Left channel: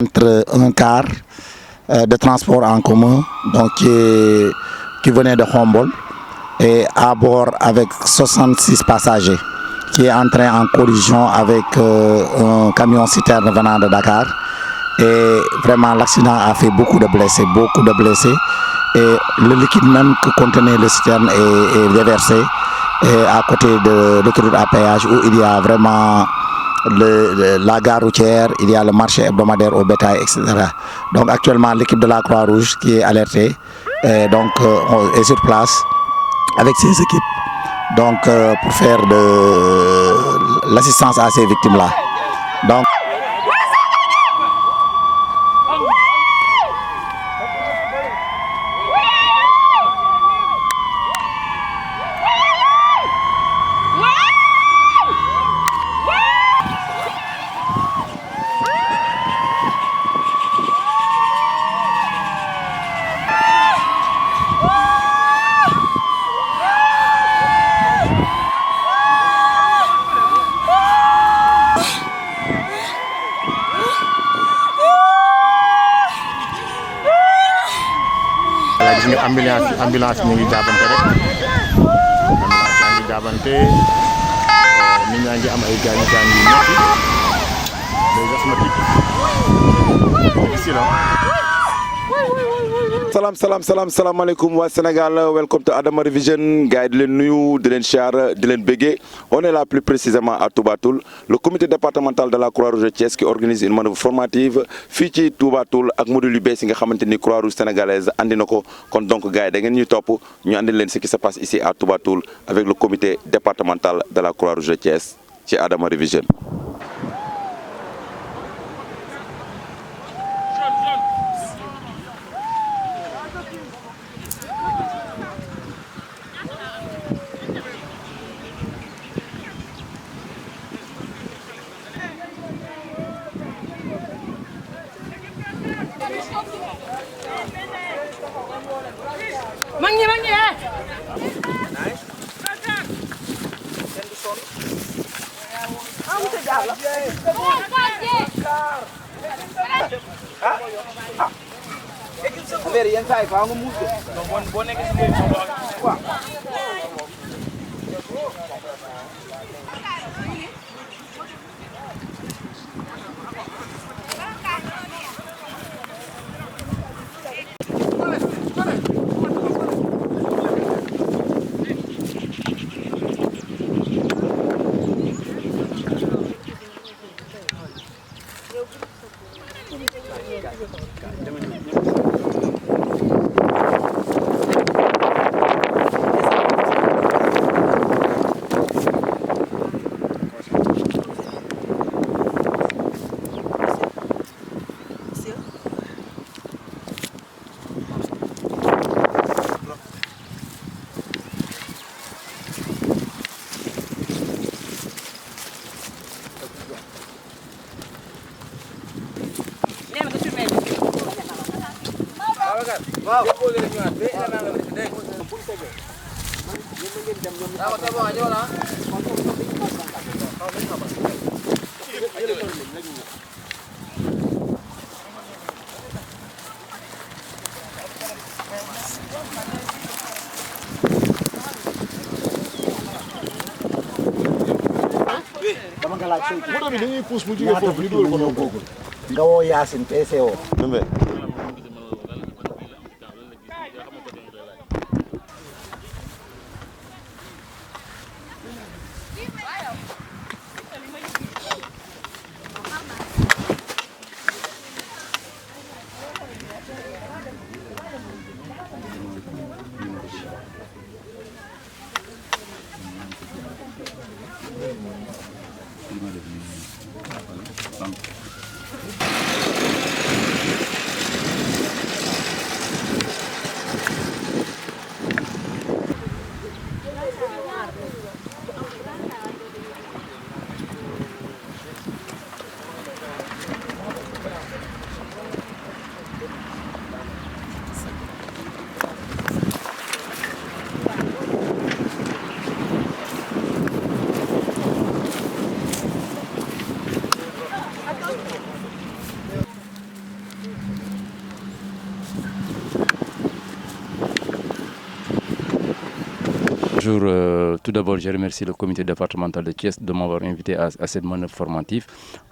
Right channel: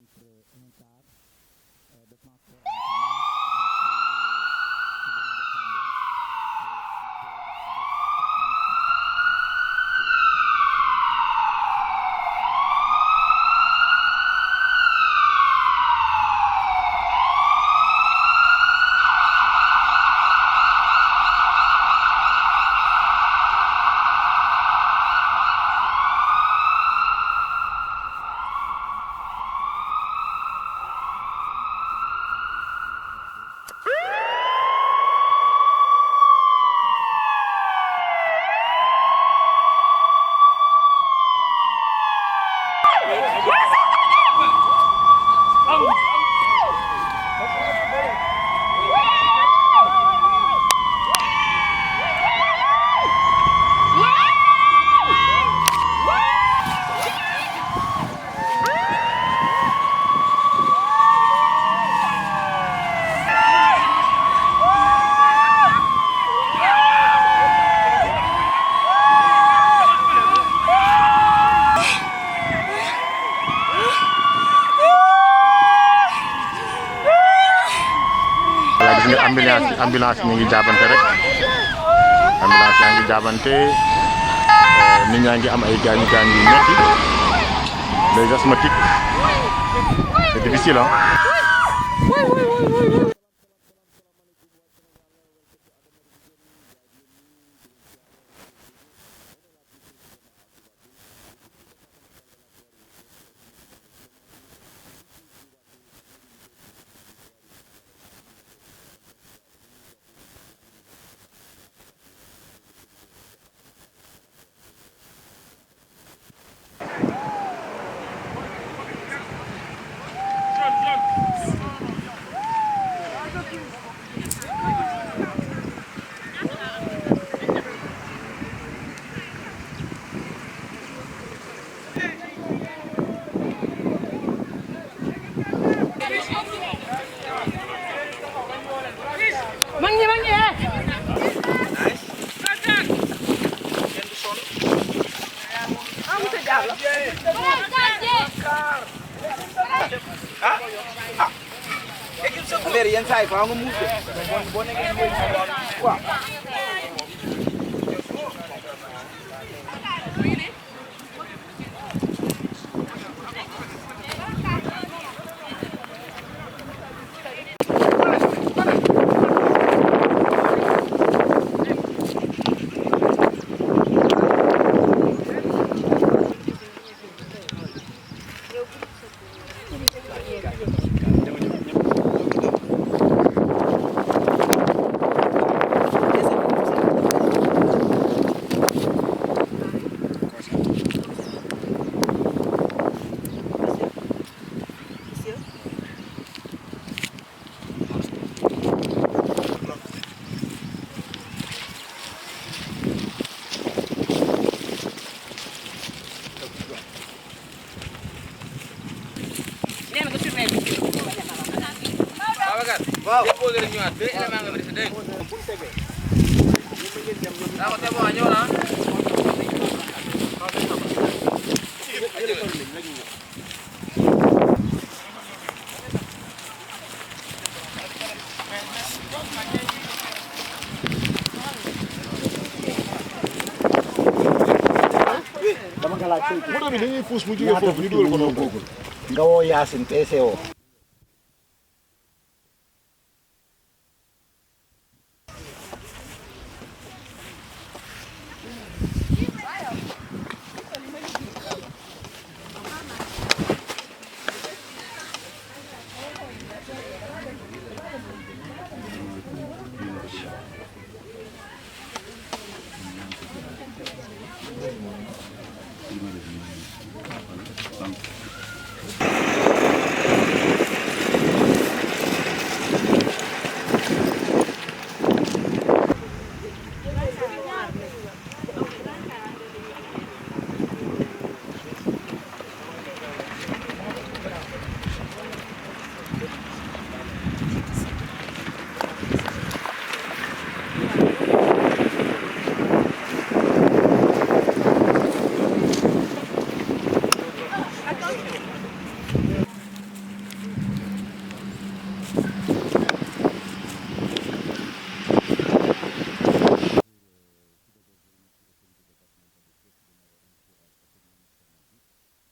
entre un car de transport en commun donc qui venait de Khombol et à bord avec 66 passagers qui est entré en collision avec un camion citerne venant de Dakar et vraiment l'accident a fait beaucoup de blessés et le liquide même que contenait le citerne est déversé et à côté de l'autoroute à péage où il y a vraiment la gare routière, il y a le marché hebdomadaire au bétail, etc. Donc actuellement l'équipe de la Croix-Rouge qui est alertée est sur place avec ses équipes donc pour faire de l'assistance à ces victimes-là. Donc gis nga ambulance mi ngi jaabante rek ambulance yaa ngi jaabante nit ñaa ngi am ay gaañu yu metti les asthmatiques c'est difficile Salam alaikum wa Sénégal, welcome to Adama Revision. Gars yi di leen nuyu di leen siyaar di leen béggee. On est là plus précisément à Touba Toul, le comité départemental de la Croix-Rouge de Thiès qui organise une manœuvre formative fii ci Touba Toul ak module yu bees yi nga xamante ni Croix-Rouge sénégalaise andi na ko kon donc gars yi da ngeen ñuy topp ñu andi leen ce qui se passe ici à Touba Toul avec le comité départemental de la Croix-Rouge de Thiès ci Adama Revision. moto bi dañuy pousse mu jógee foofu ñu dugal ko noonu nga woo Yacine PCO. Bonjour, tout d'abord je remercie le comité départemental de Thiès de m'avoir invité à cette manœuvre formative.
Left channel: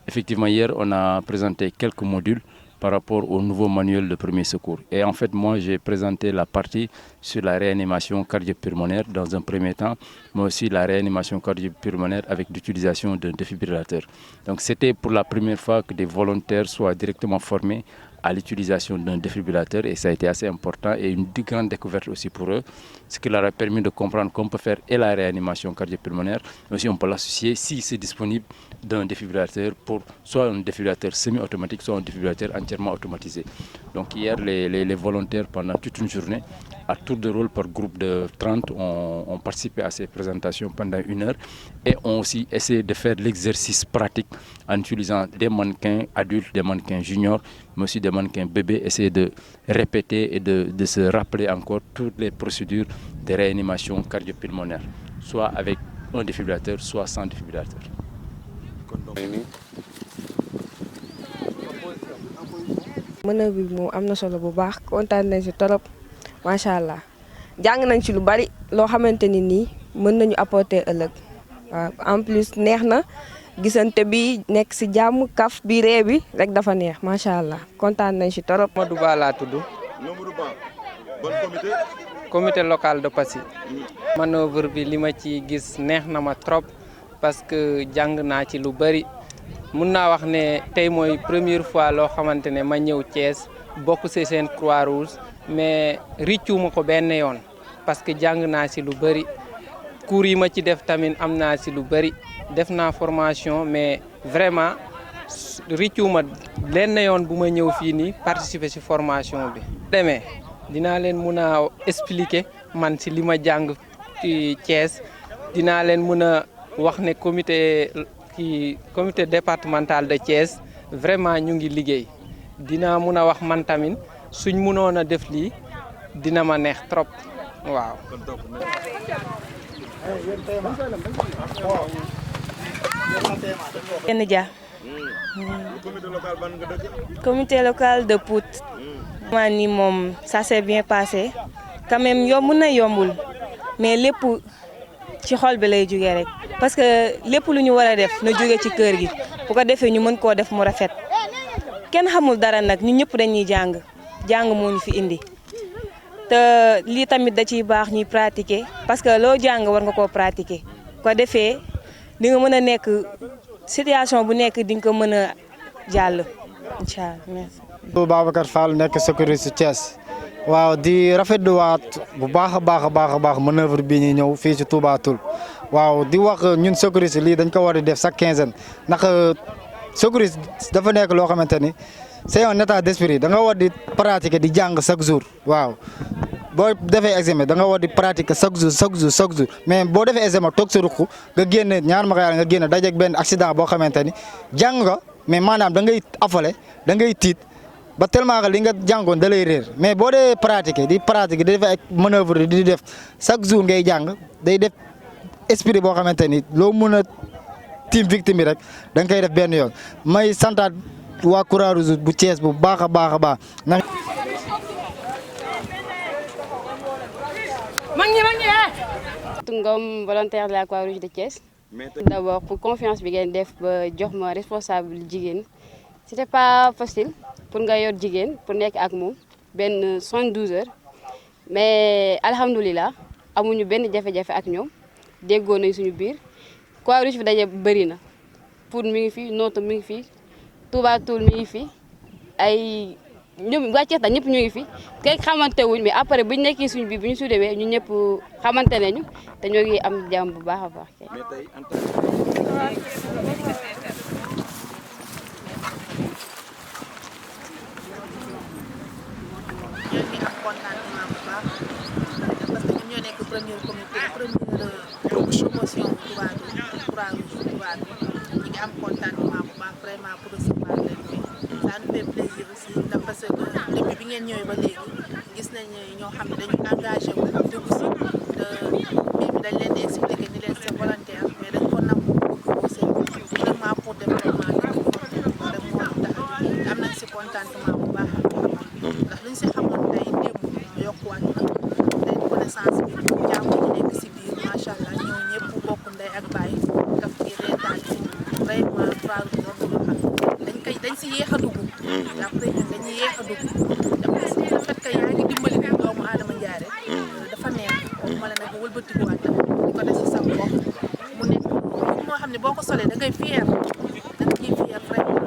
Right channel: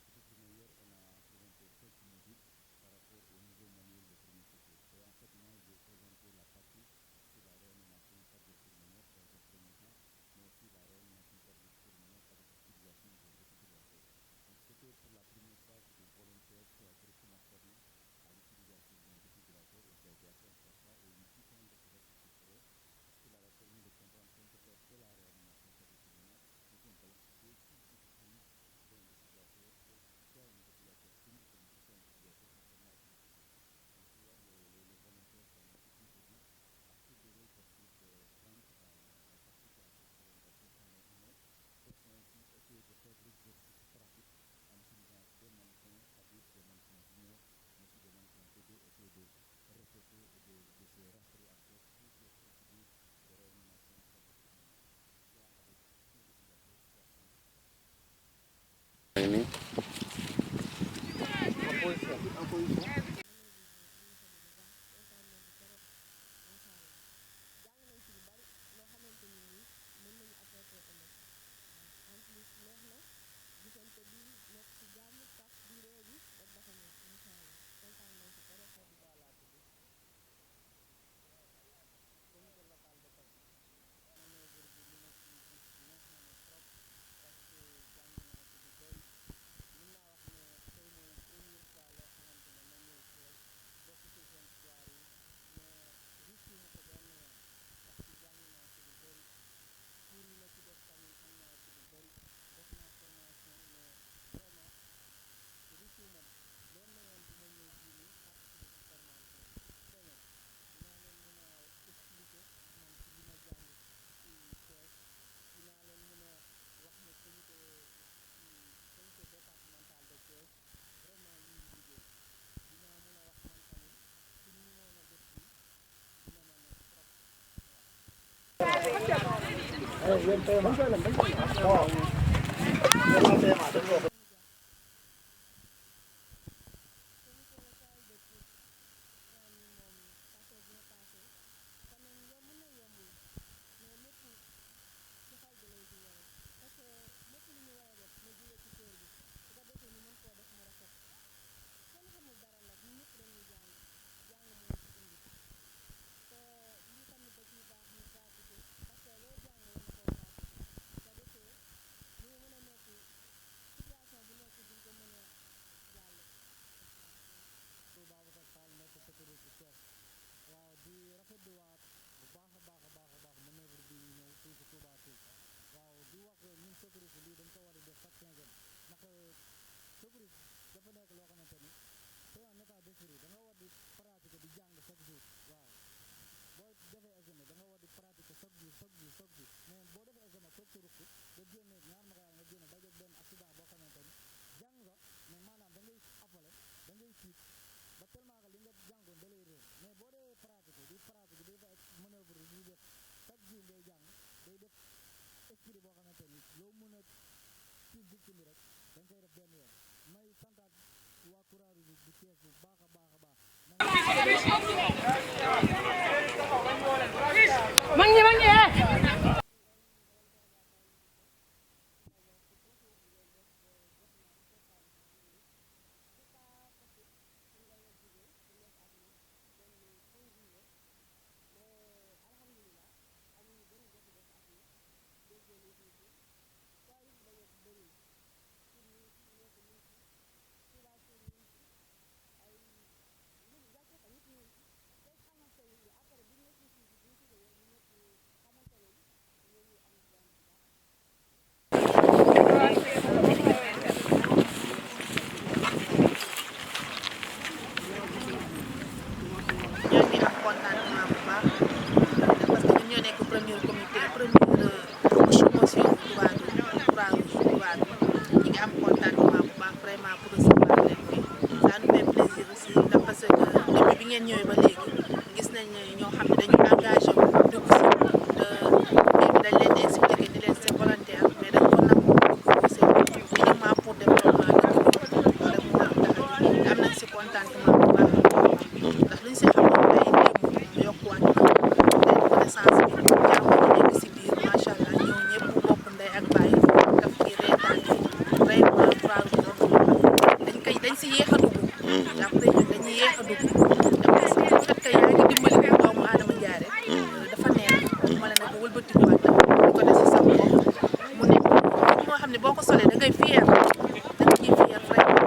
Effectivement hier on a présenté quelques modules par rapport au nouveau manuel de premier secours. Et en fait moi j'ai présenté la partie sur la réanimation cardio-pulmonaire dans un premier temps, mais aussi la réanimation cardio-pulmonaire avec l'utilisation d'un défibrillateur. Donc c'était pour la première fois que des volontaires soient directement formés à l'utilisation d'un défibrillateur et ça a été assez important et une grande découverte aussi pour eux, ce qui leur a permis de comprendre qu'on peut faire et la réanimation cardio-pulmonaire, mais aussi on peut l'associer si c'est disponible d'un défibrillateur pour soit un défibrillateur semi-automatique, soit un défibrillateur entièrement automatisé. Donc hier, les volontaires, pendant toute une journée, à tour de rôle par groupe de 30, ont participé à ces présentations pendant 1 heure et ont aussi essayé de faire l'exercice pratique en utilisant des mannequins adultes, des mannequins juniors, mais aussi des mannequins bébés, essayer de répéter et de se rappeler encore toutes les procédures de réanimation cardio-pulmonaire, soit avec un défibrillateur, soit sans défibrillateur. manœuvre bi moom am na solo bu baax kontaan nañ ci torop macha allah jàng nañ ci lu bari loo xamante ni nii mën nañu apporter ëllëg waaw en plus neex na gisante bi nekk ci jàmm kaf bi ree bi rek dafa neex macha allah kontaan nañ ci torop. Mamadou Ba laa tudd. Mamadou Ba ban comité. Comité local de Passy. manœuvre bi li ma ci gis neex na ma trop parce que jàng naa ci lu bari. mun naa wax ne tey mooy première fois loo xamante ne ma ñëw Thiès bokk ci seen Croix-Rouge mais riccuuma ko benn yoon parce que jàng naa ci lu bari cours yi ma ci def tamit am naa ci lu bari def naa formation mais vraiment riccuuma lenn yoon bu ma ñëw fii nii participer ci formation bi. demee dinaa leen mun a expliquer man ci li ma jàng ci Thiès dinaa leen mun a wax ne comité départemental de Thiès vraiment ñu ngi liggéey dina mun a wax man tamit suñ munoon a def lii dina ma neex trop waaw. Kenn Dia. Comité local de Pout. maa ni moom ça s'est bien passé quand même yomb na yombul mais lépp ci xol bi lay jógee rek parce que lépp lu ñu war a def na jóge ci kër gi bu ko defee ñu mën koo def mu rafet kenn xamul dara nag ñun ñëpp dañuy jàng moo ñu fi indi te lii tamit da ciy baax ñuy pratiquer parce que loo jàng war nga koo pratiquer ko defee di nga mën a nekk situation bu nekk di nga ko mën a jàll incha allah merci. Babacar Fall nekk sécurité Thiès waaw di rafetluwaat bu baax a baax manœuvre bi ñuy ñëw fii ci Touba Toul waaw di wax ñun sécurité lii dañ ko war a def chaque quinzaine ndax sécurité dafa nekk loo xamante ni c'est un état d'esprit da nga war di pratiquer di jàng chaque jour waaw boo defee examen da nga war di pratiquer chaque jour mais boo defee examen toog sa ruq nga génne ñaar ma nga génne dajeeg benn accident boo xamante ni jàng nga mais maanaam da ngay affolé da ngay tiit. ba tellement que li nga jàngoon da lay réer mais boo dee pratiquer di def ay manœuvre di def chaque jour ngay jàng day def esprit boo xamante ni loo mën a tiim victime rek da nga koy def benn yoon may santaat waa Croix-Rouge bu Thiès bu baax a baax. Ngom, volontaire de la Croix-Rouge de Thiès. D'abord pour confiance bi ngeen def ba jox ma responsable jigéen c'était pas facile. pour nga yor jigéen pour nekk ak moom benn 72 heures mais alhamdulilah amuñu benn jafe-jafe ak ñoom déggoo nañ suñu biir Croix-Rouge fi daje bëri na Pout mi ngi fi Notto mi ngi fi Touba Toul mi ngi fi ay ñoom waa Thiès ñëpp ñu ngi fi kenn xamante wuñ mais après bu ñu nekkee suñu biir bu ñu suudewee ñun ñëpp xamante nañu te ñoo ngi am jàmm bu baax a baax. ñoo ngi am contentement bu baax parce que ñun ñoo nekk première promotion bu Touba Toul Croix-Rouge Touba Toul ñu ngi am contentement bu baax vraiment pour recevoir leen fii ça nous fait plaisir aussi ndax parce que depuis bi ngeen ñëwee ba léegi gis nañ ñoo xam ne dañu engagé wu dugg si te mbir mi dañ leen di expliquer ni leen c'est volontaire mais dañ ko nangu bëgg ko seen uniquement pour développement dëkk bi loolu rek moo tax a am nañ si contentement bu baax ndax luñ si xamoon tey démb yokkuwaat na tey connaissance bi jàng ñu nekk si biir après ñun dañuy yéex a dugg te parce que le fait que yaa ngi dimbali doomu aadama Ndiaye rek dafa neex ma la nag wëlbatikuwaat nag di ko def si sa bopp mu nekk moo xam ne boo ko solee da ngay fier da nga ciy fier vraiment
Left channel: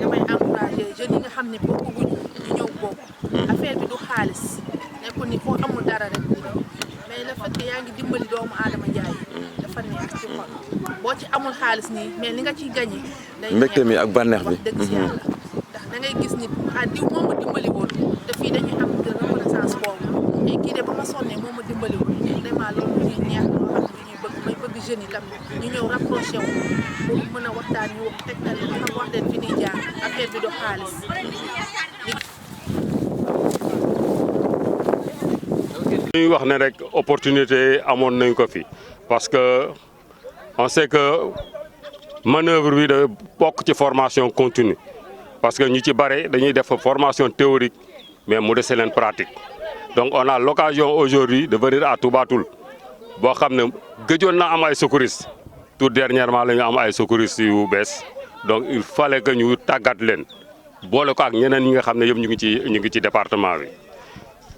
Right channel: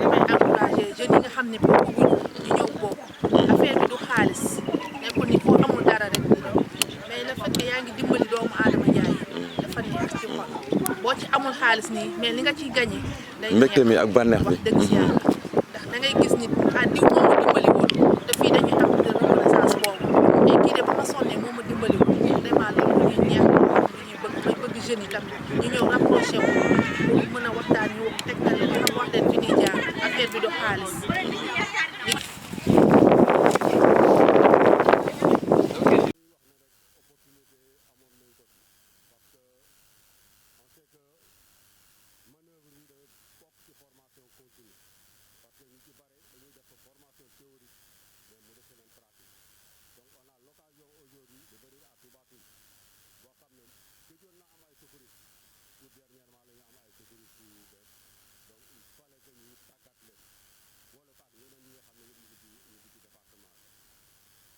damay encouragé jeunes yi nga xam ne bokkuñu ñu ñëw bokk affaire bi du xaalis nekkul ni foo amul dara rek di dem mais le fait que yaa ngi dimbali doomu aadama Ndiaye dafa neex ci xol boo ci amul xaalis nii mais li nga ciy gagné. day mbégte mi ak bànneex bi wax dëgg si yàlla ndax da ngay gis nit diw moom ma dimbali woon te fii dañuy am de reconnaissance boobu et kii de ba ma sonnee moom ma dimbali woon vraiment loolu lu ñuy neex loo xam ne lu ñuy bëgg may bëgg jeunes yi tamit ñu ñëw rapproché wu pour mën a waxtaan ñu tegtal leen xam wax leen fi ñuy jaar affaire bi du xaalis. ñuy wax ne rek opportunité amoon nañ ko fi parce que on sait que manœuvre bi da bokk ci formation continue parce que ñu ci bare dañuy def formation théorique mais mu dese leen pratique donc on a l'occasion aujourd'hui de venir à Touba Toul boo xam ne gëjoon na am ay secouristes tout dernièrement la ñu am ay secouristes yu bees donc il fallait que ñu tàggat leen boole ko ak ñeneen ñi nga xam ne yëpp ñu ngi ci département bi.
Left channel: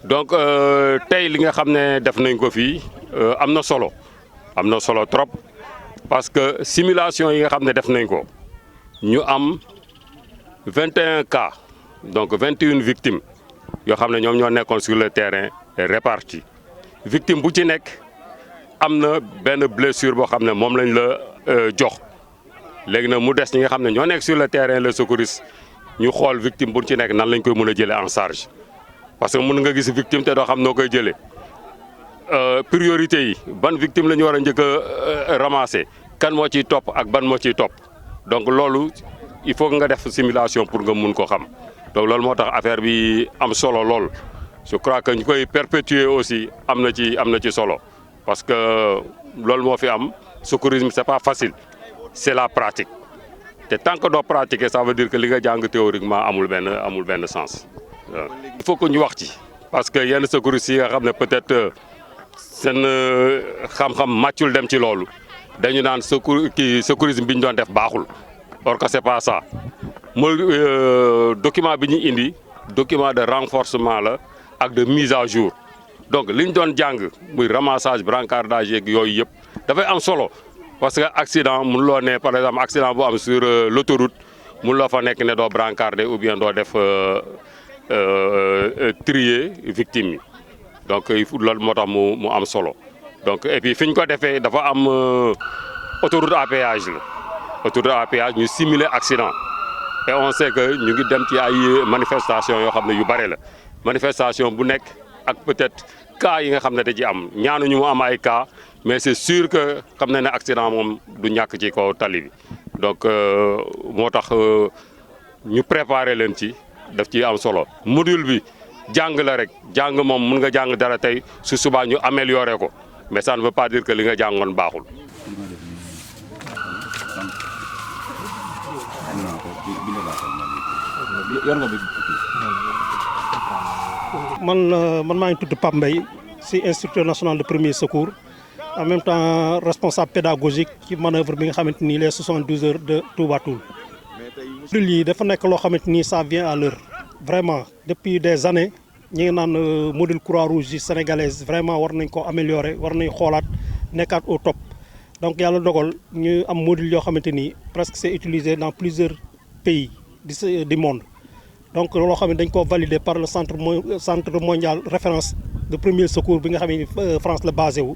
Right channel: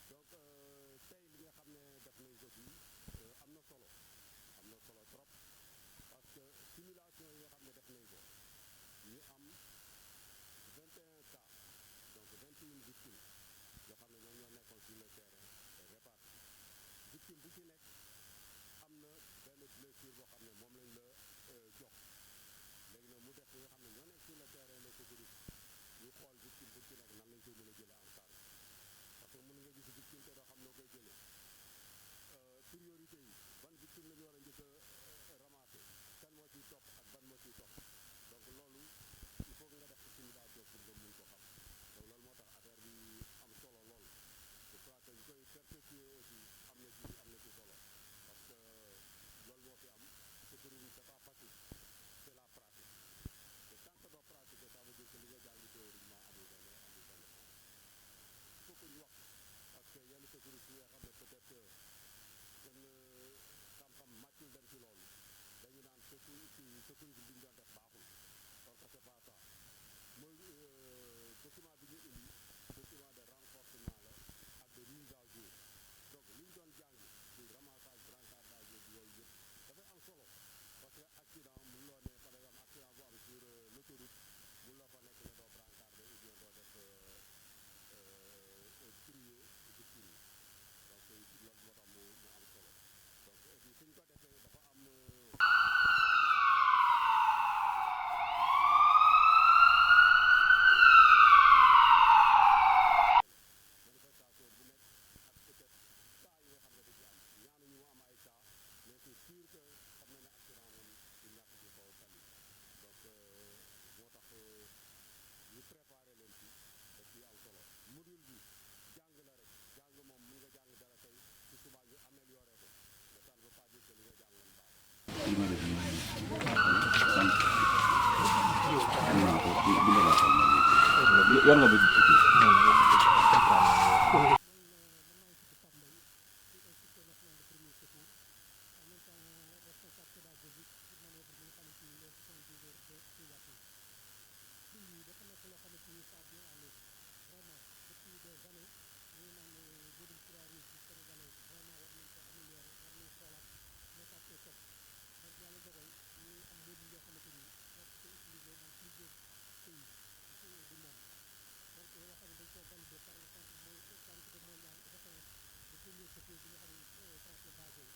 donc tey li nga xam ne def nañ ko fii am na solo trop parce que simulation yi nga xam ne def nañ ko ñu am 21 cas donc 21 victimes yoo xam ne ñoom ñoo nekkoon sur le terrain répartis victime bu ci nekk am na benn blessure boo xam ne moom lañ la jox léegi nag mu des ñi nga xam ne ñoo nekk sur le terrain le secouriste ñu xool victime bu ci nekk nan lañ koy mën a jëlee en charge. parce que mën nga gis victime te doo xam noo koy jëlee priorité yi ban victime la ñu war a njëkk a ramasser kan moo ciy topp ak ban moo ciy topp donc loolu il faut nga def simulation pour nga mun ko xam donc loolu moo tax affaire bi am solo lool. je crois que ñu koy perpétuer aussi am na ci solo parce que loolu moo fi am secourisme c'est pas facile c'est la pratique te tant que doo pratiquer ça veut dire que li nga jàng théoriquement amul benn sens. il faut que ñu wax ci parce que yenn secouristes yi nga xam ne peut-être seen xam-xam màccul dem ci loolu dañu naan secourisme bi ñu doon def baaxul or que c'est pas ça mooy document bi ñu indi document de renforcement la ak de mise à jour donc li ñu doon jàng muy ramassage brancardage yeeg yooyu yëpp dafay am solo parce que accident mun loo ne par exemple accident bu am sur l'autoroute mun loo fa nekk ne doo brancarder ou bien doo def trier victime yi donc il faut loolu moo tax mu am solo donc et puis fi ñu ko defee dafa am autoroute à péage la autoroute à péage ñu simuler accident et on sait que ñu ngi dem ci ay manifestation yoo xam ne yu bare la manifestation bu nekk ak peut-être cas yi nga xam ne da ci am ñaanuñu mu am ay cas mais c'est sûr que xam na ne accident moom du ñàkk ci kaw tali bi donc moo tax ñu préparer leen ci daf ci am solo module bi jàng la rek jàng moom mun nga jàng dara tey su subaa ñu améliorer ko mais ça ne veut pas dire que li nga jàngoon baaxul. man maa ngi tudd Pape Mbaye si instructeur national de premier secours en même temps responsable pédagogique ci manœuvre bi nga xamante ni les 72 heures de Touba Toul. module yi dafa nekk loo xamante ni ça vient à l'heure vraiment depuis des années ñi ngi naan module Croix-Rouge yi sénégalaise vraiment war nañ ko améliorer war nañ xoolaat nekkaat au top donc yàlla dogal ñu am module yoo xamante ni presque c'est utilisé dans plusieurs pays du monde donc loo xam ne dañ ko validé par le centre mondial référence de premier secours bi nga xam ne France la basé wu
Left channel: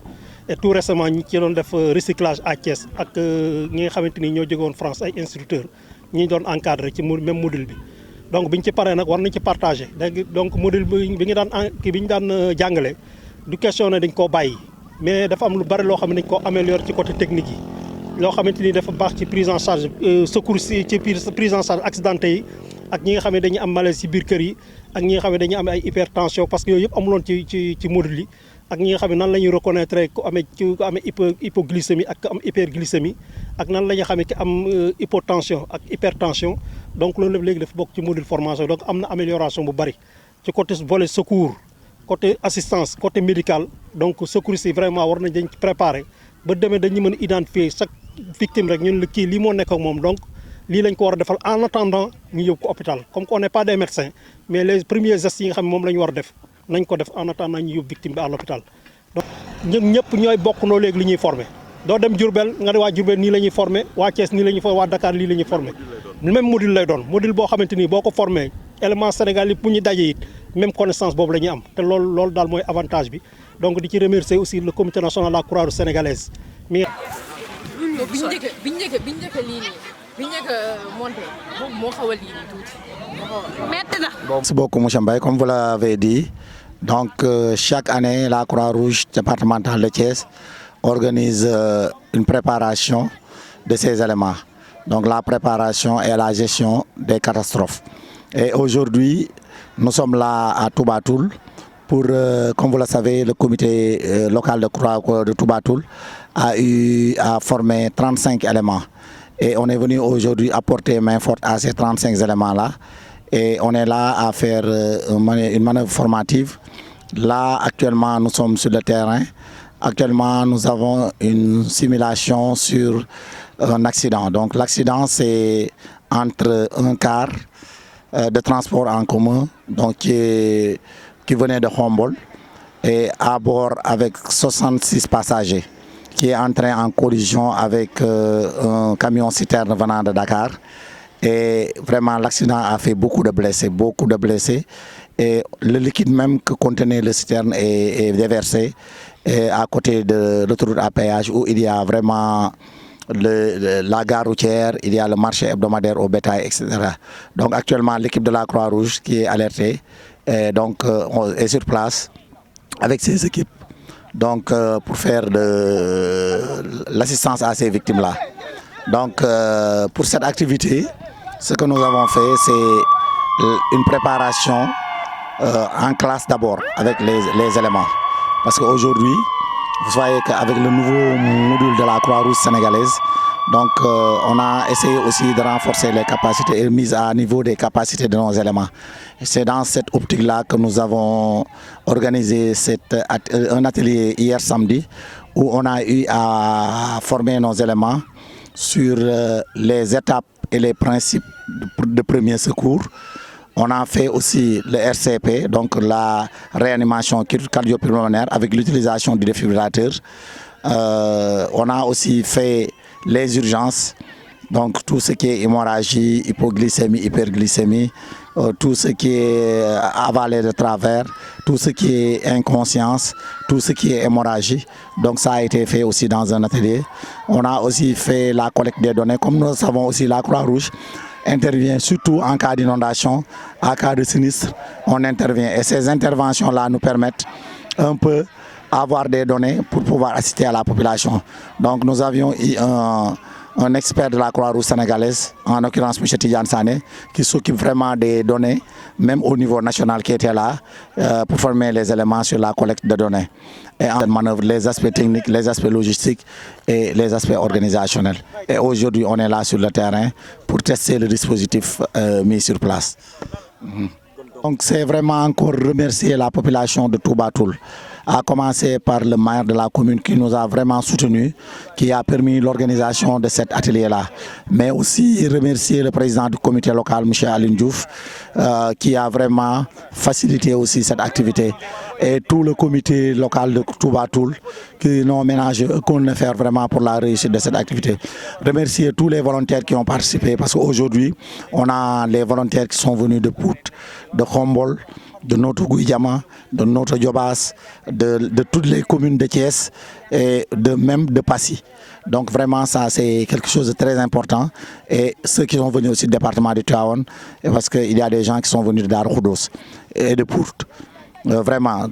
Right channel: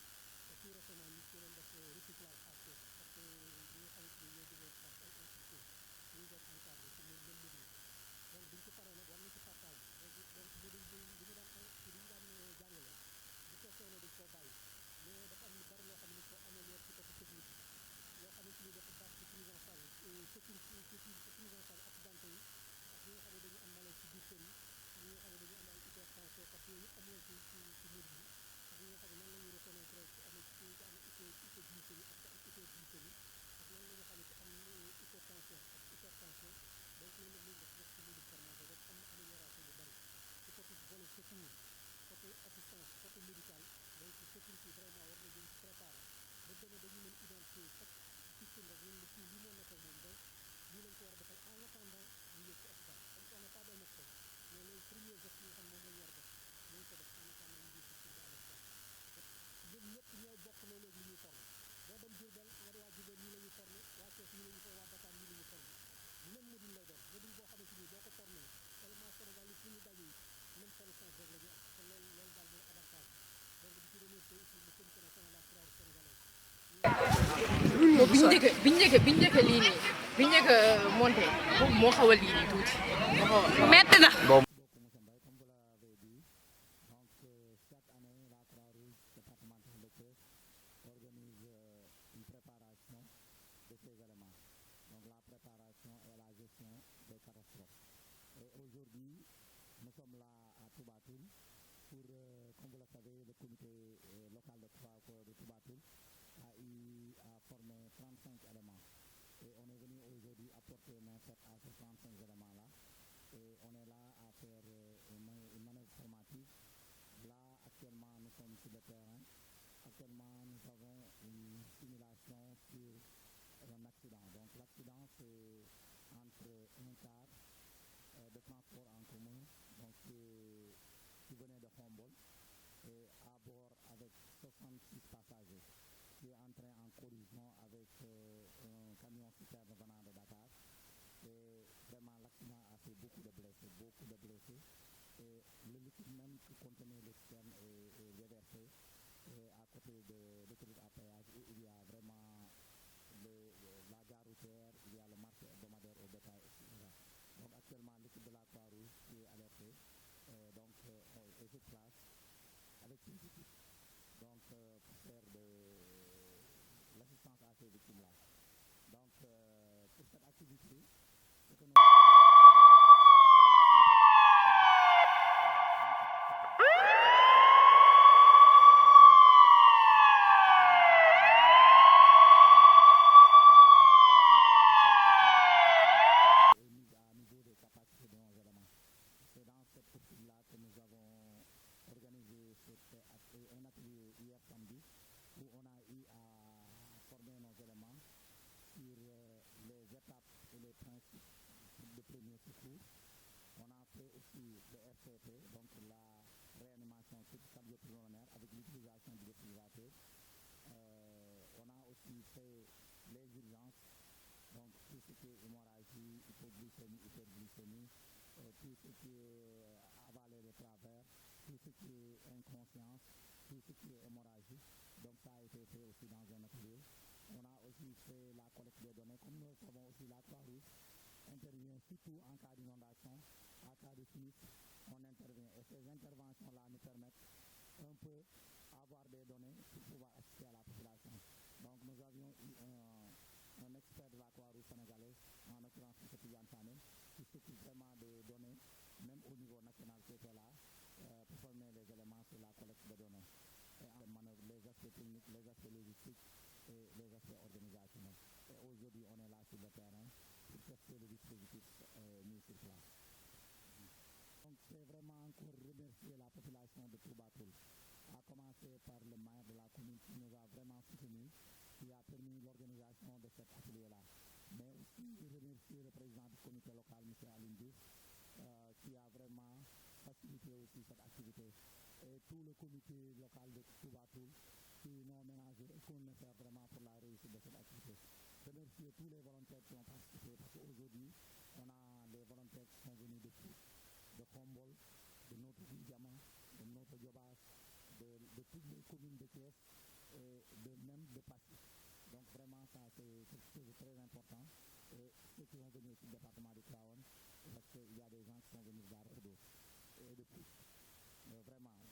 et tout récemment ñi ci doon def recyclage à Thiès ak ñi nga xamante ni ñoo jógewoon France ay instructeurs ñi doon encadré ci même module bi donc bi ñu ci paree nag war nañ ci partagé léegi donc module bi ñu daan jàngale du question ne dañ koo bàyyi mais dafa am lu bari loo xam ne dañ koo améliorer ci côté technique yi loo xamante ni dafa baax ci prise en charge secours ci prise en charge accidenté yi ak ñi nga xam ne dañuy am malaise ci biir kër yi ak ñi nga xam ne dañuy am ay hypertension parce que yooyu yëpp amuloon ci module yi ak ñi nga xam ne nan la ñuy reconnaître ku amee hypoglycémie ak am hyperglycémie ak nan la ñuy xamee ki am hypotension ak hypertension donc loolu lépp léegi dafa bokk ci module formation donc am na amélioration bu bari ci côté volet secours côté assistance côté médical donc secouriste yi vraiment war nañ dañ ci préparer ba demee dañuy mën a identifier chaque victime rek ñun la kii lii moo nekk ak moom donc lii lañ ko war a defal en attendant ñu yóbbu ko hôpital comme qu'on n'est pas des médecins mais les premiers gestes yi nga xam ne moom la ñu war a def nañ ko def en attendant ñu yóbbu victime bi à l'hôpital donc ñun ñëpp ñooy bokk noo léegi li ñuy formé doo dem Diourbel nga ne waa Diourbel nii la ñuy formé waa Thiès nii la ñuy formé waa Dakar lii la ñuy formé même module lay doon module boo xamante ni boo ko formé élément Sénégal yi bu ñu dajee it même connaissance boobu la ñuy am te loolu daal mooy avantage bi donc di ci remercier aussi le comité national de la Croix-Rouge sénégalaise mi biñ njëkk lii nii biñ njëkk monté moo xaw a lii nii tuuti metti na. Merci beaucoup monsieur Mbaye, comme vous l'avez dit, donc chaque année la Croix-Rouge départementale de Thiès organise une préparation de ces éléments. Donc la préparation et la gestion des catastrophes. Et aujourd'hui, nous sommes là à Touba Toul pour, comme vous le savez, le comité local de Croix de Touba Toul a formé 35 éléments. Et on est venu aujourd'hui apporter main forte à ces 35 éléments-là. Et on est là à faire une manœuvre formative. Là, actuellement, nous sommes sur le terrain. Actuellement, nous avons une simulation sur un accident. Donc l'accident, c'est entre un car de transport en commun donc, qui venait de Humboldt et à bord avec 66 passagers qui est entré en collision avec un camion citerne venant de Dakar. Et vraiment, l'accident a fait beaucoup de blessés. Et le liquide même que contenait le citerne est déversé à côté de l'autoroute à péage où il y a vraiment la gare routière, il y a le marché hebdomadaire au bétail, etc. Donc actuellement, l'équipe de la Croix-Rouge qui est alertée est sur place avec ses équipes donc, pour faire de l'assistance à ces victimes-là. Donc pour cette activité, ce que nous avons fait, c'est une préparation en classe d'abord avec les éléments. Parce qu'aujourd'hui, vous voyez qu'avec le nouveau module de la Croix-Rouge sénégalaise, donc on a essayé aussi de renforcer les capacités et mise à niveau des capacités de nos éléments. C'est dans cette optique-là que nous avons organisé un atelier hier samedi où on a eu à former nos éléments sur les étapes et les principes de premier secours. On a fait aussi le RCP, donc la réanimation cardio-pulmonaire avec l'utilisation du défibrillateur. On a aussi fait les urgences, donc tout ce qui est hémorragie, hypoglycémie, hyperglycémie, tout ce qui est avalé de travers, tout ce qui est inconscience, tout ce qui est hémorragie. Donc ça a été fait aussi dans un atelier. On a aussi fait la collecte des données. Comme nous savons aussi, la Croix-Rouge intervient surtout en cas d'inondation, en cas de sinistre, on intervient. Et ces interventions-là nous permettent un peu avoir des données pour pouvoir assister à la population. Donc nous avions eu un expert de la Croix-Rouge sénégalaise, en l'occurrence M. Tidjane Sané, qui s'occupe vraiment des données, même au niveau national qui était là, pour former les éléments sur la collecte de données. Et en manœuvre les aspects techniques, les aspects logistiques et les aspects organisationnels. Et aujourd'hui, on est là sur le terrain pour tester le dispositif mis sur place. Donc c'est vraiment encore remercier la population de Touba Toul, à commencer par le maire de la commune qui nous a vraiment soutenus, qui a permis l'organisation de cet atelier-là. Mais aussi remercier le président du comité local, M. Aline Diouf, qui a vraiment facilité aussi cette activité. Et tout le comité local de Touba Toul qui n'ont ménagé aucun effort vraiment pour la réussite de cette activité. Remercier tous les volontaires qui ont participé parce qu'aujourd'hui, on a les volontaires qui sont venus de Pout, de Humboldt, de notre Gouïdiama, de notre Djobas, de toutes les communes de Thiès et même de Passy. Donc vraiment ça c'est quelque chose de très important. Et ceux qui sont venus aussi du département de Tivaouane, parce qu'il y a des gens qui sont venus de Darou Khoudoss et de Pout. Vraiment,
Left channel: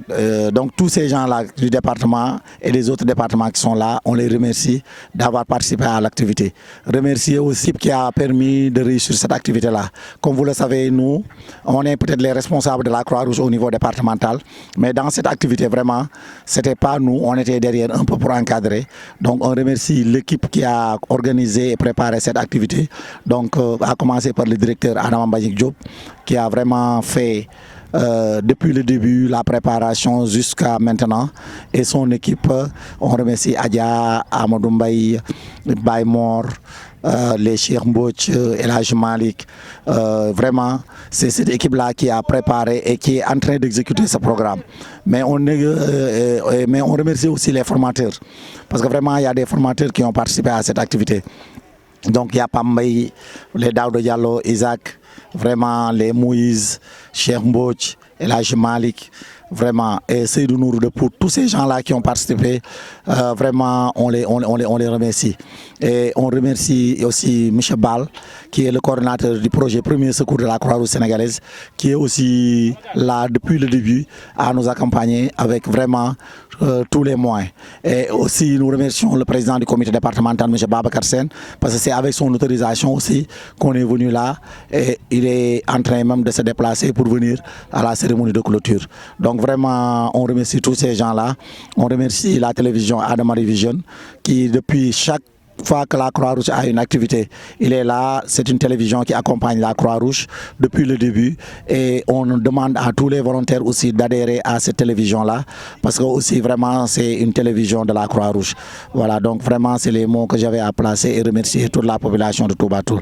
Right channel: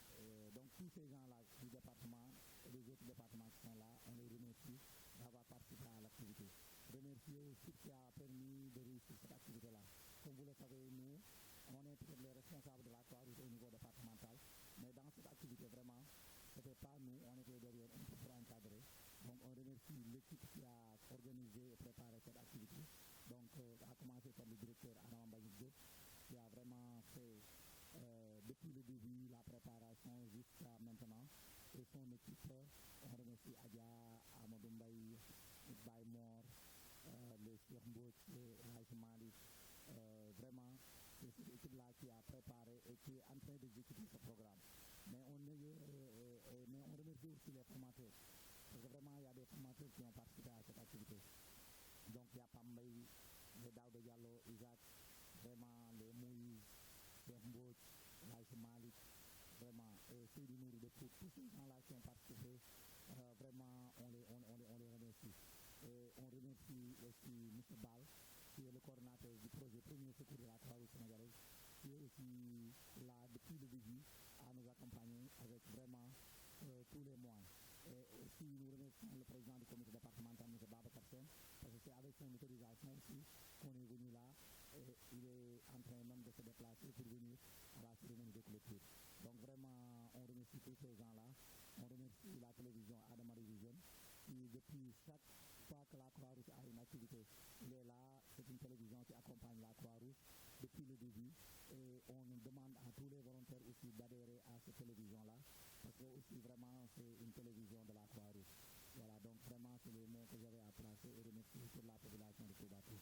donc tous ces gens-là du département et les autres départements qui sont là, on les remercie d'avoir participé à l'activité. Remercier aussi qui a permis de réussir cette activité-là. Comme vous le savez, nous, on est peut-être les responsables de la Croix-Rouge au niveau départemental, mais dans cette activité, vraiment, ce n'était pas nous, on était derrière un peu pour encadrer. Donc on remercie l'équipe qui a organisé et préparé cette activité. Donc à commencer par le directeur Adam Mbagnick Diop, qui a vraiment fait depuis le début, la préparation jusqu'à maintenant et son équipe. On remercie Adia, Amadou Mbaye, Baymor, les Cheikh Mbodj, Elhaj Malik. Vraiment, c'est cette équipe-là qui a préparé et qui est en train d'exécuter ce programme. Mais on remercie aussi les formateurs, parce que vraiment, il y a des formateurs qui ont participé à cette activité. Donc, il y a Pambay, les Daouda Diallo, Isaac, vraiment les Moïse, Cheikh Mbodj, Elhaj Malik. Vraiment, et Seydou Nourou de pour tous ces gens-là qui ont participé, vraiment, on les remercie. Et on remercie aussi Michel Ball, qui est le coordinateur du projet Premier Secours de la Croix-Rouge sénégalaise, qui est aussi là depuis le début à nous accompagner avec vraiment tous les moyens. Et aussi, nous remercions le président du comité départemental, M. Babacar Sen, parce que c'est avec son autorisation aussi qu'on est venu là. Et il est en train même de se déplacer pour venir à la cérémonie de clôture. Donc vraiment, on remercie tous ces gens-là. On remercie la télévision Adamari Vision, qui depuis chaque fois que la Croix-Rouge a une activité, il est là. C'est une télévision qui accompagne la Croix-Rouge depuis le début, et on demande à tous les volontaires aussi d'adhérer à cette télévision-là, parce que aussi vraiment c'est une télévision de la Croix-Rouge. Voilà, donc vraiment c'est les mots que j'avais à placer et remercier toute la population de Touba Toul.